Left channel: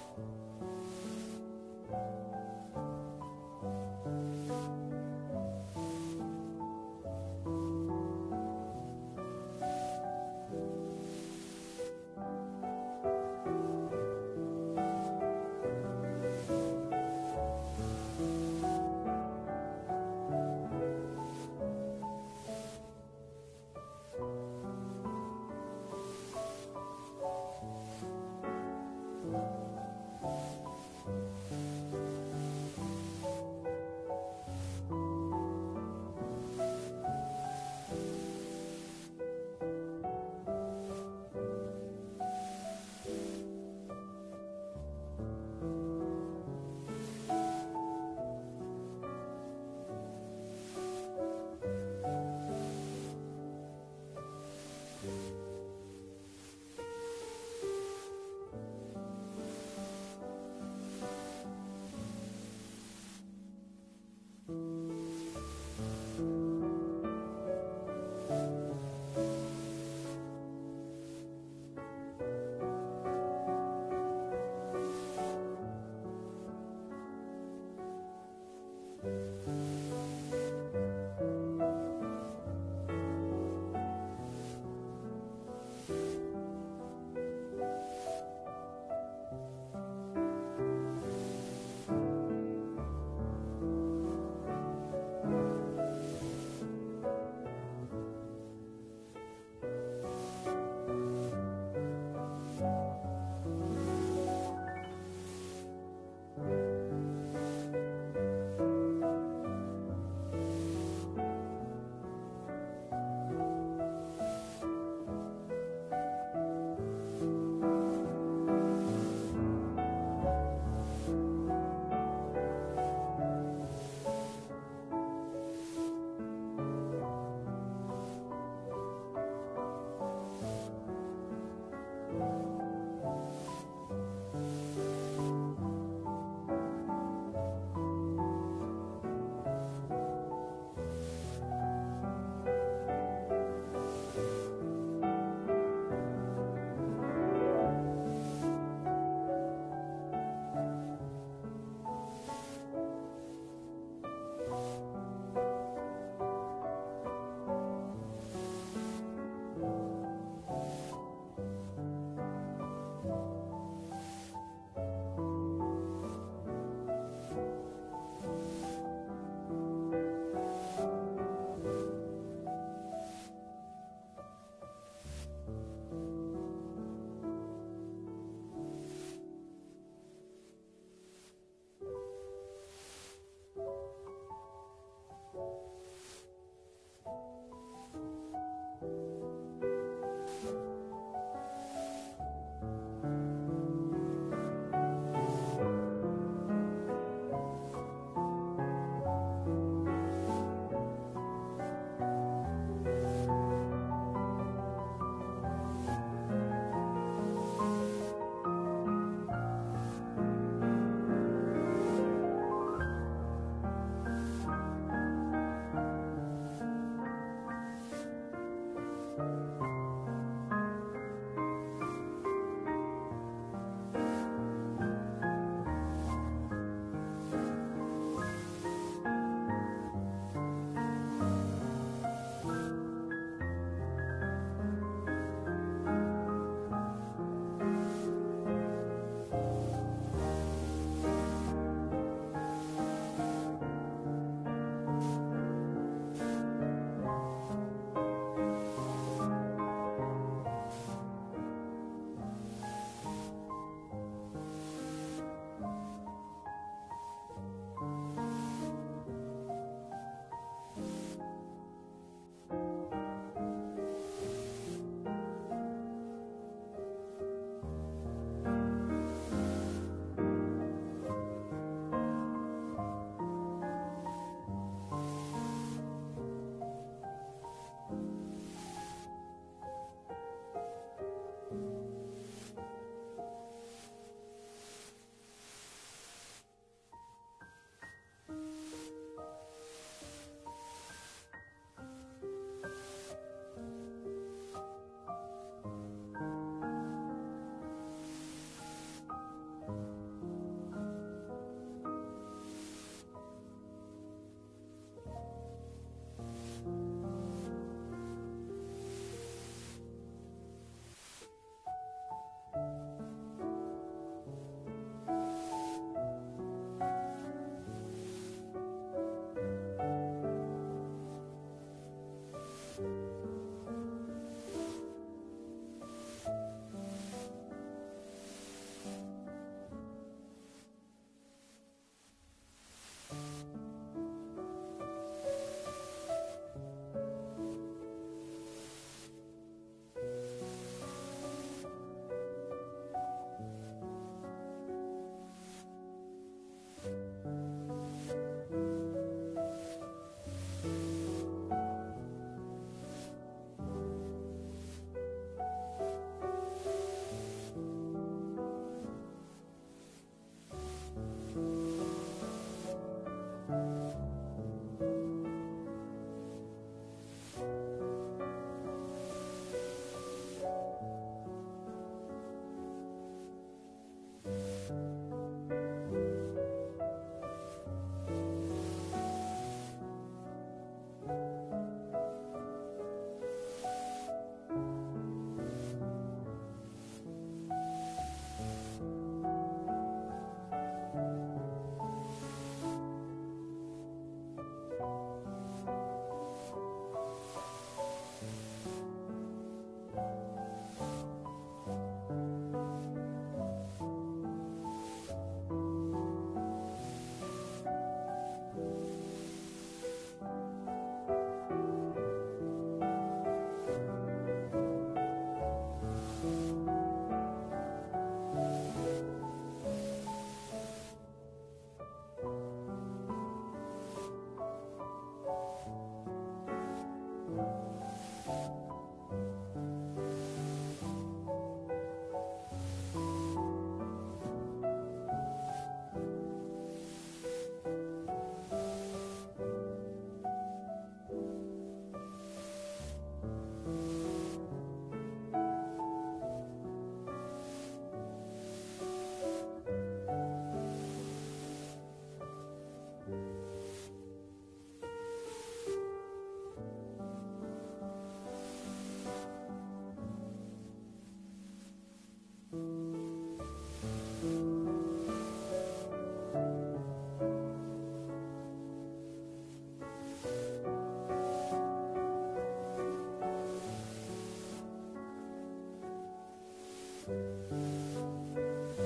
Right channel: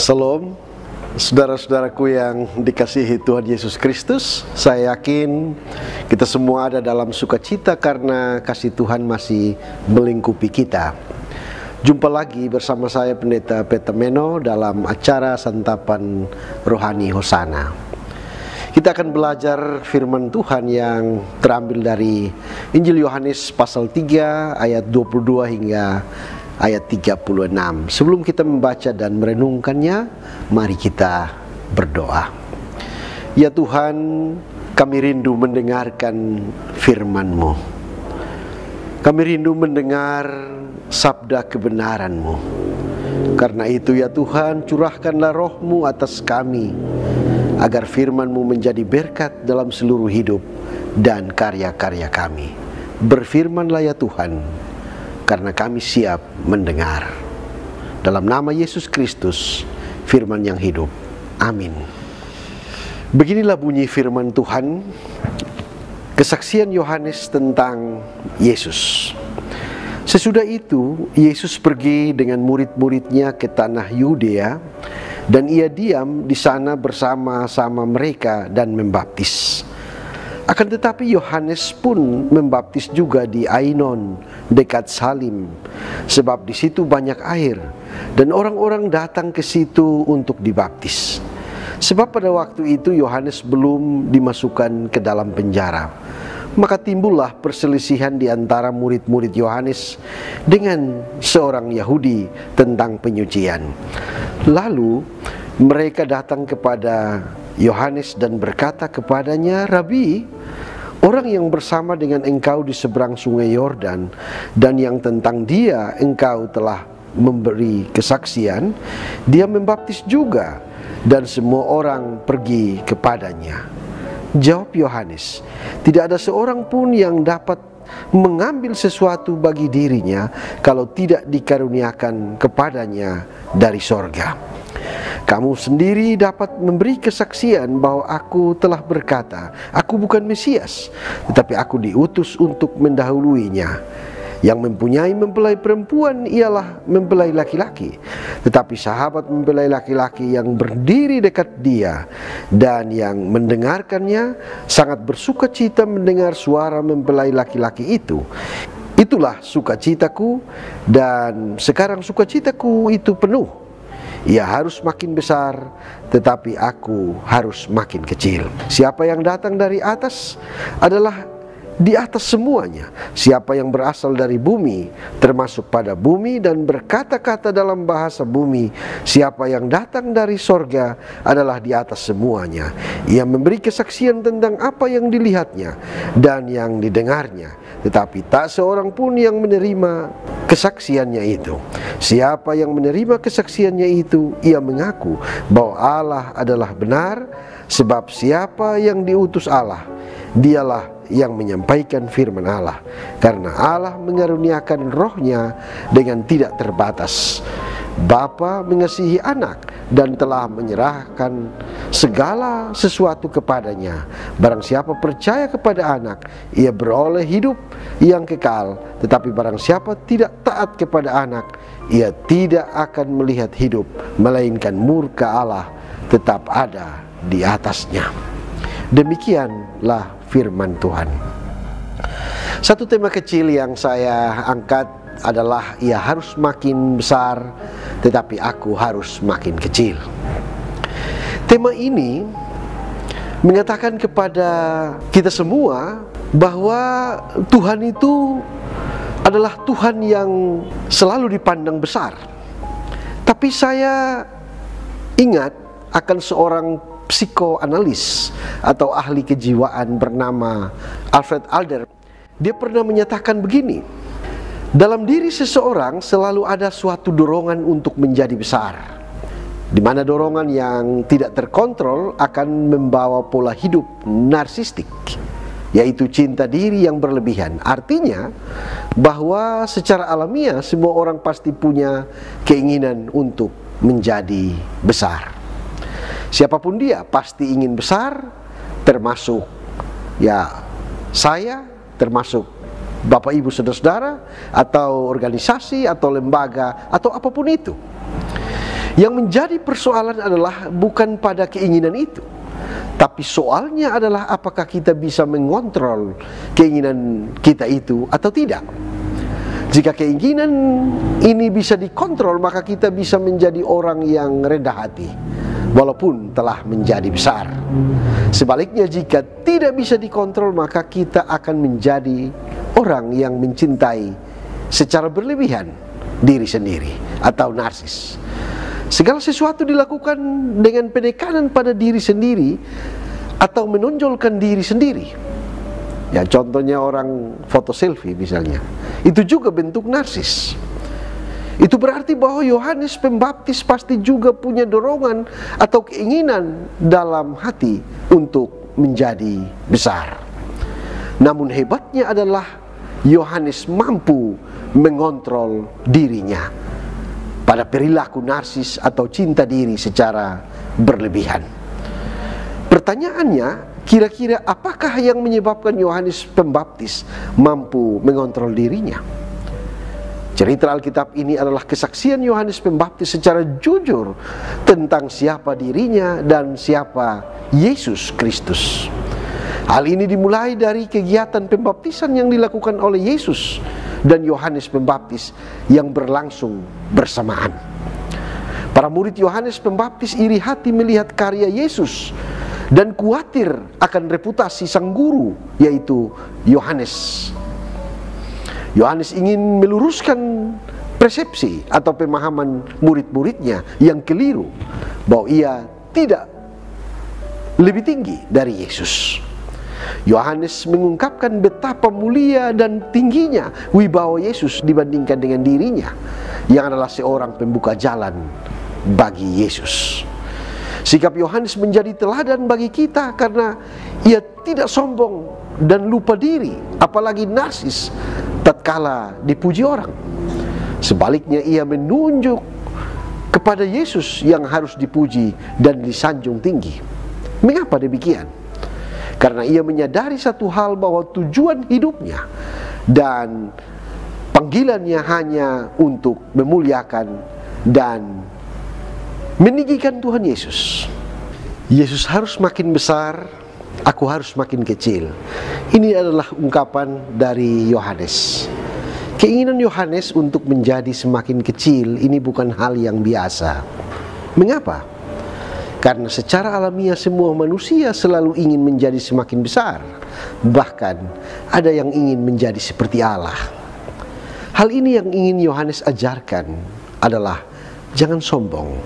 Shalom, saudara-saudaraku yang dikasihi Tuhan Yesus Kristus. Saya yakin kita semua ada dalam sukacita karena kasih Tuhan masih melingkupi kita. Jumpa lagi bersama saya Pendeta Peter Meno dalam acara Santapan Rohani Hosana. Kita akan belajar firman Tuhan yang terambil dari Injil Yohanes pasal 3 ayat 22 hingga ayat 36. Sebelum kita membaca dan merenungkannya, mari kita berdoa. Ya Tuhan, kami rindu mendengarkan firman-Mu. Kami rindu mendengar sabda kebenaran-Mu. Karena itu ya Tuhan, curahkanlah roh-Mu atas kami, agar firman-Mu menjadi berkat dalam seluruh hidup dan karya-karya kami. Berfirmanlah ya Tuhan, karena kami siap mendengar. Dalam nama Yesus Kristus, firman yang hidup. Amin. Beginilah bunyi firman Tuhan, kesaksian Yohanes tentang Yesus. Sesudah itu, Yesus pergi dengan murid-muridnya ke tanah Yudea, dan ia diam di sana bersama-sama mereka dan membaptis. Akan tetapi Yohanes pun membaptis juga di Ainon dekat Salim, sebab di situ banyak air dan orang-orang datang ke situ untuk dibaptis. Sebab pada waktu itu Yohanes belum dimasukkan ke dalam penjara. Maka timbullah perselisihan di antara murid-murid Yohanes dengan seorang Yahudi tentang penyucian. Lalu mereka datang kepada Yohanes dan berkata kepadanya, "Rabi, orang yang bersama dengan engkau di seberang sungai Yordan dan yang tentang dia engkau telah memberi kesaksian, dia membaptis juga dan semua orang pergi kepadanya." Jawab Yohanes, "Tidak ada seorang pun yang dapat mengambil sesuatu bagi dirinya kalau tidak dikaruniakan kepadanya dari sorga. Kamu sendiri dapat memberi kesaksian bahwa aku telah berkata, aku bukan Mesias, tetapi aku diutus untuk mendahuluinya. Yang mempunyai mempelai perempuan ialah mempelai laki-laki, tetapi sahabat mempelai laki-laki yang berdiri dekat dia dan yang mendengarkannya sangat bersukacita mendengar suara mempelai laki-laki itu. Itulah sukacitaku, dan sekarang sukacitaku itu penuh. Ia harus makin besar, tetapi aku harus makin kecil. Siapa yang datang dari atas adalah di atas semuanya. Siapa yang berasal dari bumi, termasuk pada bumi dan berkata-kata dalam bahasa bumi. Siapa yang datang dari sorga adalah di atas semuanya. Ia memberi kesaksian tentang apa yang dilihatnya dan yang didengarnya. Tetapi tak seorang pun yang menerima kesaksiannya itu. Siapa yang menerima kesaksiannya itu, ia mengaku bahwa Allah adalah benar, sebab siapa yang diutus Allah, dialah yang menyampaikan firman Allah. Karena Allah mengaruniakan rohnya dengan tidak terbatas. Bapa mengasihi anak dan telah menyerahkan segala sesuatu kepadanya. Barang siapa percaya kepada anak, ia beroleh hidup yang kekal. Tetapi barang siapa tidak taat kepada anak, ia tidak akan melihat hidup, melainkan murka Allah tetap ada di atasnya. Demikianlah firman Tuhan. Satu tema kecil yang saya angkat adalah ia harus makin besar, tetapi aku harus makin kecil. Tema ini mengatakan kepada kita semua bahwa Tuhan itu adalah Tuhan yang selalu dipandang besar. Tapi saya ingat akan seorang psikoanalis atau ahli kejiwaan bernama Alfred Adler. Dia pernah menyatakan begini, dalam diri seseorang selalu ada suatu dorongan untuk menjadi besar, di mana dorongan yang tidak terkontrol akan membawa pola hidup narsistik, yaitu cinta diri yang berlebihan. Artinya bahwa secara alamiah semua orang pasti punya keinginan untuk menjadi besar. Siapapun dia pasti ingin besar, termasuk ya saya, termasuk Bapak Ibu saudara-saudara, atau organisasi, atau lembaga, atau apapun itu. Yang menjadi persoalan adalah bukan pada keinginan itu, tapi soalnya adalah apakah kita bisa mengontrol keinginan kita itu atau tidak. Jika keinginan ini bisa dikontrol, maka kita bisa menjadi orang yang rendah hati, walaupun telah menjadi besar. Sebaliknya, jika tidak bisa dikontrol, maka kita akan menjadi orang yang mencintai secara berlebihan diri sendiri atau narsis. Segala sesuatu dilakukan dengan penekanan pada diri sendiri atau menonjolkan diri sendiri. Ya, contohnya orang foto selfie misalnya, itu juga bentuk narsis. Itu berarti bahwa Yohanes Pembaptis pasti juga punya dorongan atau keinginan dalam hati untuk menjadi besar. Namun hebatnya adalah Yohanes mampu mengontrol dirinya pada perilaku narsis atau cinta diri secara berlebihan. Pertanyaannya, kira-kira apakah yang menyebabkan Yohanes Pembaptis mampu mengontrol dirinya? Cerita Alkitab ini adalah kesaksian Yohanes Pembaptis secara jujur tentang siapa dirinya dan siapa Yesus Kristus. Hal ini dimulai dari kegiatan pembaptisan yang dilakukan oleh Yesus dan Yohanes Pembaptis yang berlangsung bersamaan. Para murid Yohanes Pembaptis iri hati melihat karya Yesus dan khawatir akan reputasi sang guru, yaitu Yohanes. Yohanes ingin meluruskan persepsi atau pemahaman murid-muridnya yang keliru bahwa ia tidak lebih tinggi dari Yesus. Yohanes mengungkapkan betapa mulia dan tingginya wibawa Yesus dibandingkan dengan dirinya yang adalah seorang pembuka jalan bagi Yesus. Sikap Yohanes menjadi teladan bagi kita karena ia tidak sombong dan lupa diri, apalagi narsis tatkala dipuji orang. Sebaliknya, ia menunjuk kepada Yesus yang harus dipuji dan disanjung tinggi. Mengapa demikian? Karena ia menyadari satu hal, bahwa tujuan hidupnya dan panggilannya hanya untuk memuliakan dan meninggikan Tuhan Yesus. Yesus harus makin besar, aku harus makin kecil. Ini adalah ungkapan dari Yohanes. Keinginan Yohanes untuk menjadi semakin kecil ini bukan hal yang biasa. Mengapa? Karena secara alamiah semua manusia selalu ingin menjadi semakin besar. Bahkan ada yang ingin menjadi seperti Allah. Hal ini yang ingin Yohanes ajarkan adalah jangan sombong,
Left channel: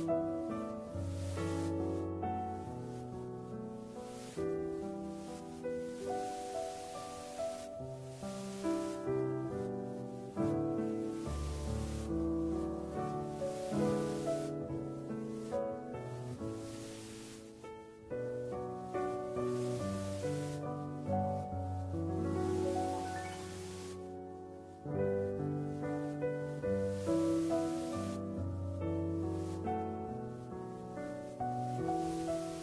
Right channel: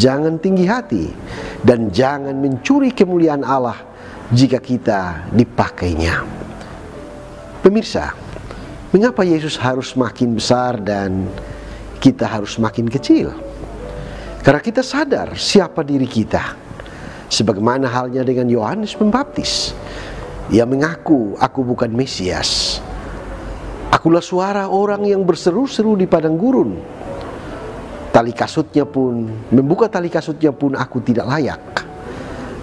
jangan tinggi hati, dan jangan mencuri kemuliaan Allah jika kita dipakainya. Pemirsa, mengapa Yesus harus makin besar dan kita harus makin kecil? Karena kita sadar siapa diri kita. Sebagaimana halnya dengan Yohanes Pembaptis. Ia mengaku, aku bukan Mesias. Akulah suara orang yang berseru-seru di padang gurun. Membuka tali kasutnya pun aku tidak layak.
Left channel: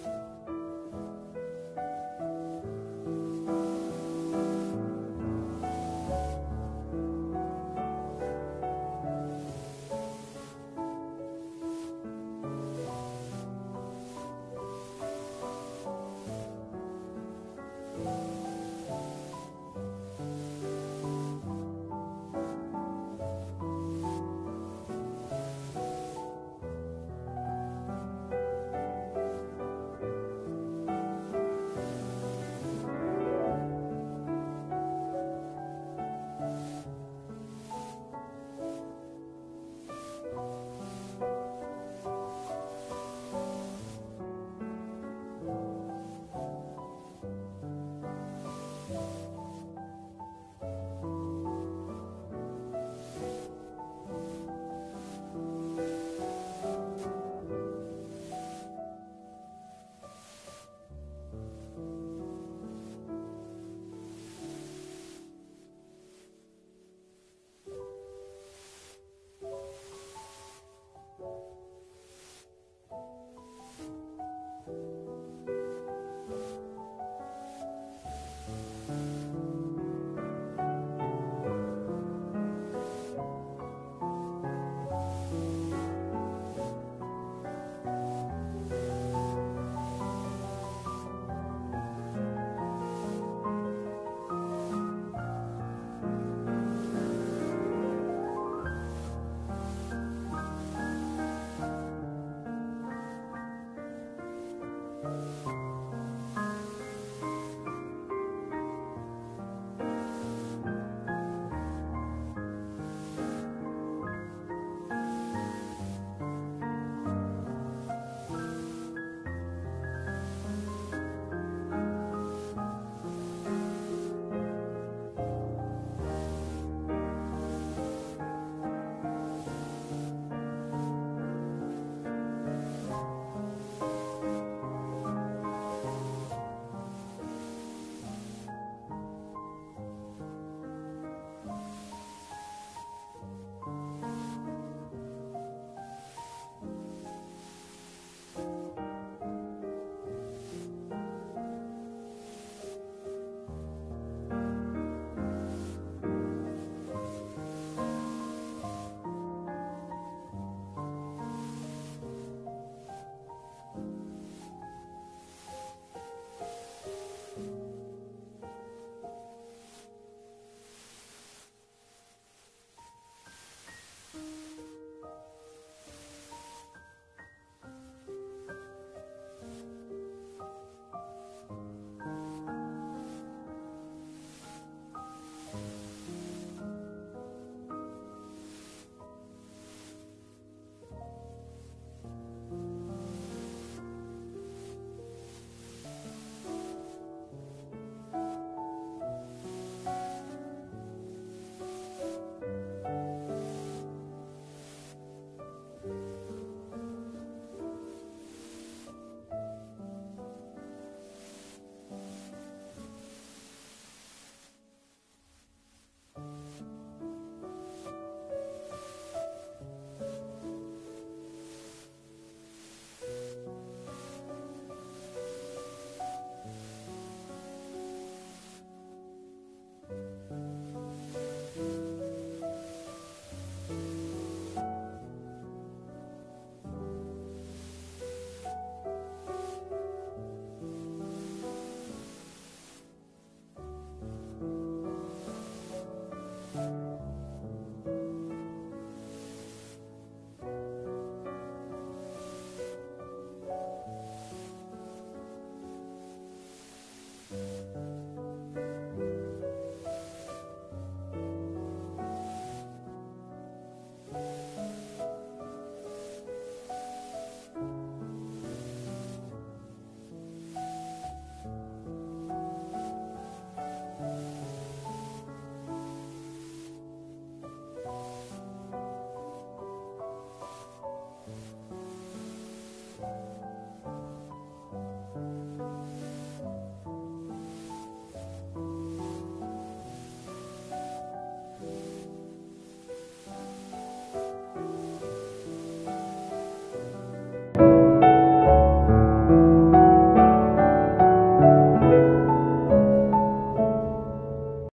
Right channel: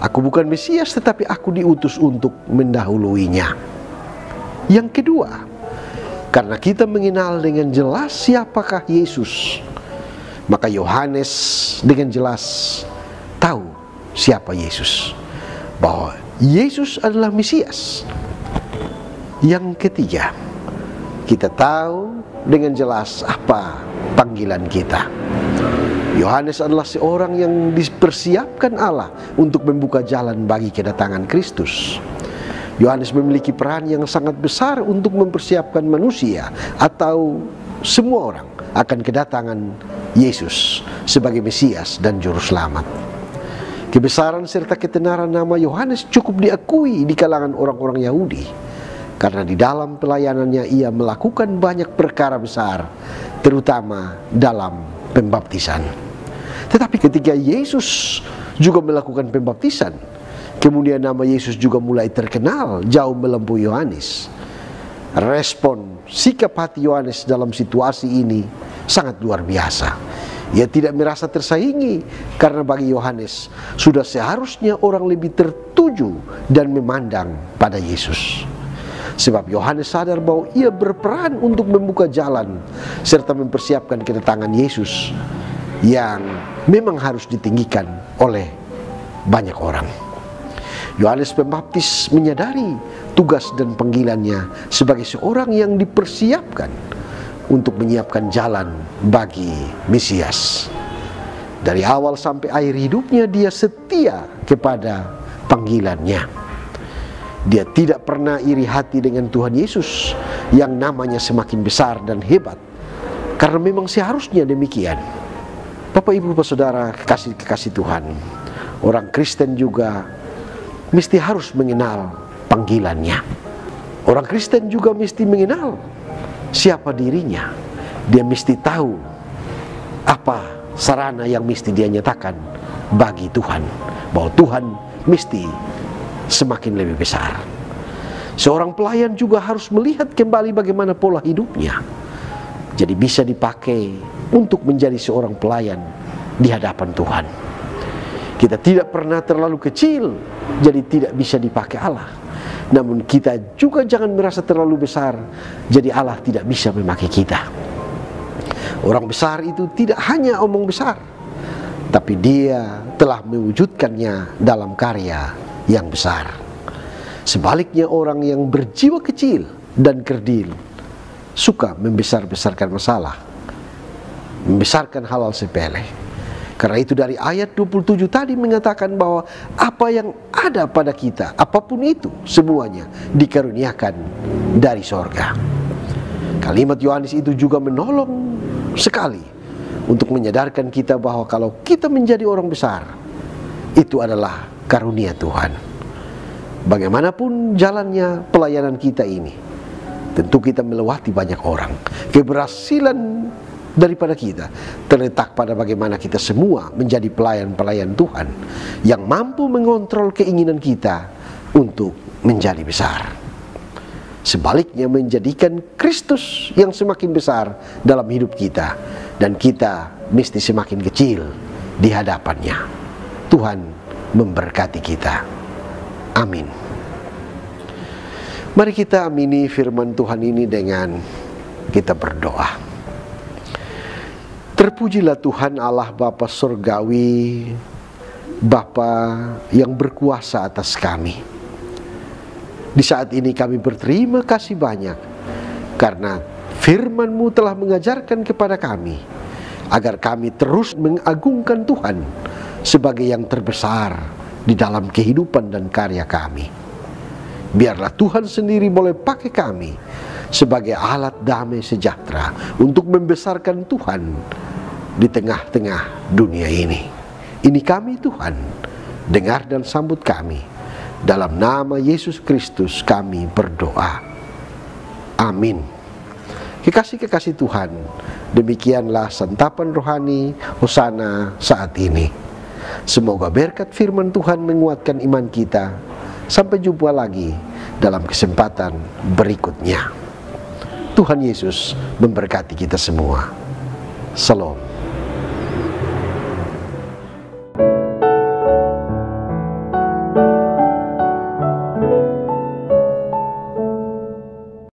Aku bukan Mesias, tetapi aku diutus untuk mendahuluinya. Yang kedua, karena kita mengenal dengan jelas siapakah Yesus, maka Yohanes dengan jelas tahu siapa Yesus, bahwa Yesus adalah Mesias. Yang ketiga, kita tahu dengan jelas apa panggilan kita. Yohanes adalah seorang yang dipersiapkan Allah untuk membuka jalan bagi kedatangan Kristus. Yohanes memiliki peran yang sangat besar untuk mempersiapkan manusia atau semua orang akan kedatangan Yesus sebagai Mesias dan Juru Selamat. Kebesaran serta ketenaran nama Yohanes cukup diakui di kalangan orang-orang Yahudi, karena di dalam pelayanannya ia melakukan banyak perkara besar, terutama dalam pembaptisan. Tetapi ketika Yesus juga melakukan pembaptisan, kemudian nama Yesus juga mulai terkenal jauh melampaui Yohanes. Respon sikap hati Yohanes dalam situasi ini sangat luar biasa. Ia tidak merasa tersaingi, karena bagi Yohanes sudah seharusnya orang lebih tertuju dan memandang pada Yesus. Sebab Yohanes sadar bahwa ia berperan untuk membuka jalan serta mempersiapkan kedatangan Yesus yang memang harus ditinggikan oleh banyak orang. Yohanes Pembaptis menyadari tugas dan panggilannya sebagai seorang yang dipersiapkan untuk menyiapkan jalan bagi Mesias. Dari awal sampai akhir hidupnya dia setia kepada panggilannya. Dia tidak pernah iri hati dengan Tuhan Yesus yang namanya semakin besar dan hebat, karena memang seharusnya demikian. Bapak, Ibu, Saudara, kekasih Tuhan, orang Kristen juga mesti harus mengenal panggilannya. Orang Kristen juga mesti mengenal siapa dirinya. Dia mesti tahu apa sarana yang mesti dia nyatakan bagi Tuhan, bahwa Tuhan mesti semakin lebih besar. Seorang pelayan juga harus melihat kembali bagaimana pola hidupnya, jadi bisa dipakai untuk menjadi seorang pelayan di hadapan Tuhan. Kita tidak pernah terlalu kecil, jadi tidak bisa dipakai Allah. Namun kita juga jangan merasa terlalu besar, jadi Allah tidak bisa memakai kita. Orang besar itu tidak hanya omong besar, tapi dia telah mewujudkannya dalam karya yang besar. Sebaliknya, orang yang berjiwa kecil dan kerdil suka membesar-besarkan masalah, membesarkan hal-hal sepele. Karena itu dari ayat 27 tadi mengatakan bahwa apa yang ada pada kita, apapun itu, semuanya dikaruniakan dari sorga. Kalimat Yohanes itu juga menolong sekali untuk menyadarkan kita bahwa kalau kita menjadi orang besar, itu adalah karunia Tuhan. Bagaimanapun jalannya pelayanan kita ini, tentu kita melewati banyak orang. Keberhasilan daripada kita terletak pada bagaimana kita semua menjadi pelayan-pelayan Tuhan yang mampu mengontrol keinginan kita untuk menjadi besar. Sebaliknya, menjadikan Kristus yang semakin besar dalam hidup kita, dan kita mesti semakin kecil di hadapannya. Tuhan memberkati kita. Amin. Mari kita amini firman Tuhan ini dengan kita berdoa. Terpujilah Tuhan Allah Bapa Surgawi, Bapa yang berkuasa atas kami. Di saat ini kami berterima kasih banyak karena firman-Mu telah mengajarkan kepada kami agar kami terus mengagungkan Tuhan sebagai yang terbesar di dalam kehidupan dan karya kami. Biarlah Tuhan sendiri boleh pakai kami sebagai alat damai sejahtera untuk membesarkan Tuhan di tengah-tengah dunia ini. Ini kami Tuhan, dengar dan sambut kami. Dalam nama Yesus Kristus kami berdoa. Amin. Kekasih-kekasih Tuhan, demikianlah santapan rohani Hosana saat ini. Semoga berkat firman Tuhan menguatkan iman kita. Sampai jumpa lagi dalam kesempatan berikutnya. Tuhan Yesus memberkati kita semua. Shalom.